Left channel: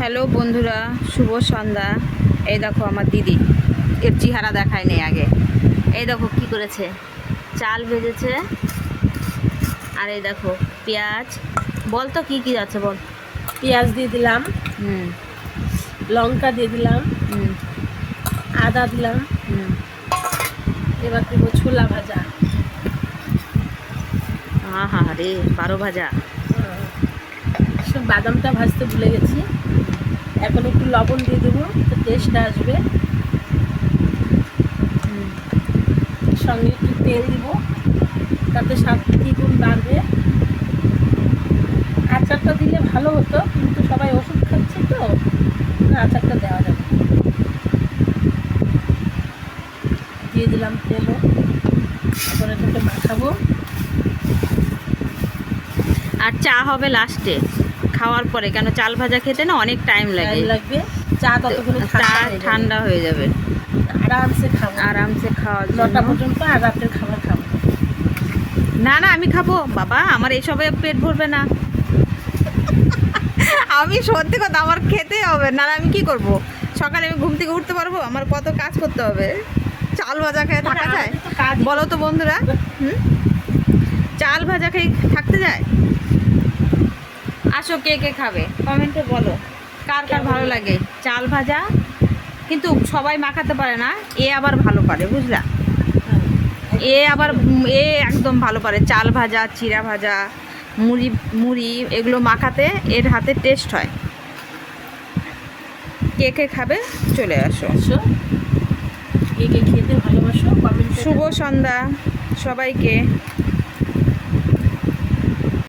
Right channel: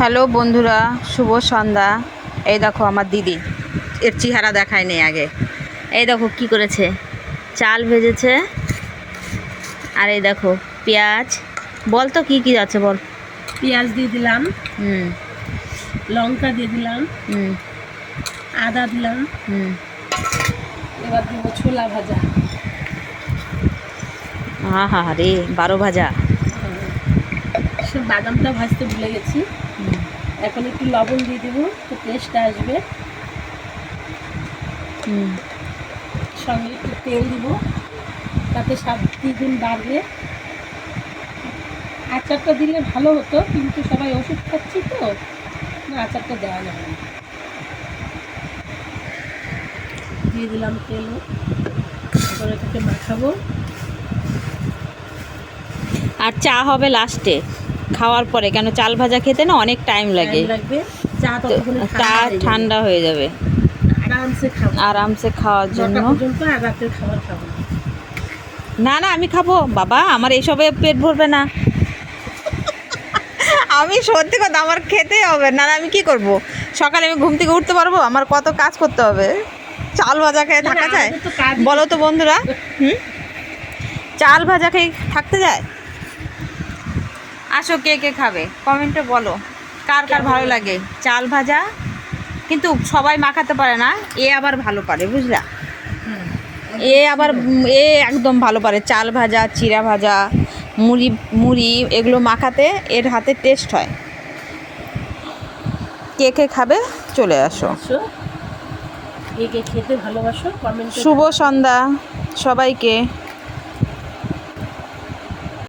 Hello বন্ধুরা, শুভ সন্ধ্যা। এই দেখো আমার দিদি, এর চেহারা দেখায় নেই আগে। এই দেখো কি করেছে, চাল ভেজেছে। আর এই দেখো পেঁয়াজ। বল তো কি কি আছে বল। পেঁয়াজ দিয়ে দিলাম, হুম লঙ্কা দিয়ে দিলাম, হুম আদা দিলাম। হুম এবার দেবো ছোলা ভাজা। হা রে, 12 ভাজা। সে বাদামটা ভাজতে ভুলে গেছি। এখন একটু লবণ দিয়ে দেবো, তো টেস্টটা আসবে। হুম সঙ্গে একটু তেল দিব, তাতে স্বাদ দ্বিগুণ বাড়বে। আচারটা দিলে ভালো হতো, কিন্তু সবাই ওষুধ খাচ্ছি তো আচারটা দেওয়া যাবে না। দিয়ে দিলাম তেল, এবারে এটাকে মাখাবো। আর চা হবে লাস্টে, খাওয়ার পরে, কেন চাল ভাজা খেতে না অনেক টাইম লাগে। লাগবে, চা তো ততক্ষণে চা ঠান্ডা হয়ে যাবে, আরামসে খাবো, আরামসে খাওয়ার জন্য। 9টা পর্যন্ত আর রাতের খাবার খাবো। না না, আমি খাবো বাবা, আমার এসবে পেট ভরবে না। আমি সত্যি কথা, আমার খেতেই হবে। না আমি কি করব, সকালে আমি ঘুম থেকে উঠতে পারবো? আমার কত কাজ করতে হবে। চাল ভাজা খেয়ে থাকা যায়? আমাদের তো কাজ বলো তো বন্ধুরা, হুম, চাল ভাজা খেয়ে থাকতে যায়? আসো, কে কে খাবে কমেন্টে বলো, কার কার ভালো লাগে চাল ভাজা। কিন্তু সবাই মাখাতে পারে না, এ আবার ভালো পারে, বুঝলা? এ আবার এ একদম ভালো পারে চাল ভাজা, চিড়া ভাজা, মুড়ি মুড়ি এগুলো মাখাতে এর হাতে টেস্ট হয়। কে কে খাবে চলে আসো। কে কে খেতে ভালোবাসো কমেন্টে শুভ সন্ধ্যা সবাইকে।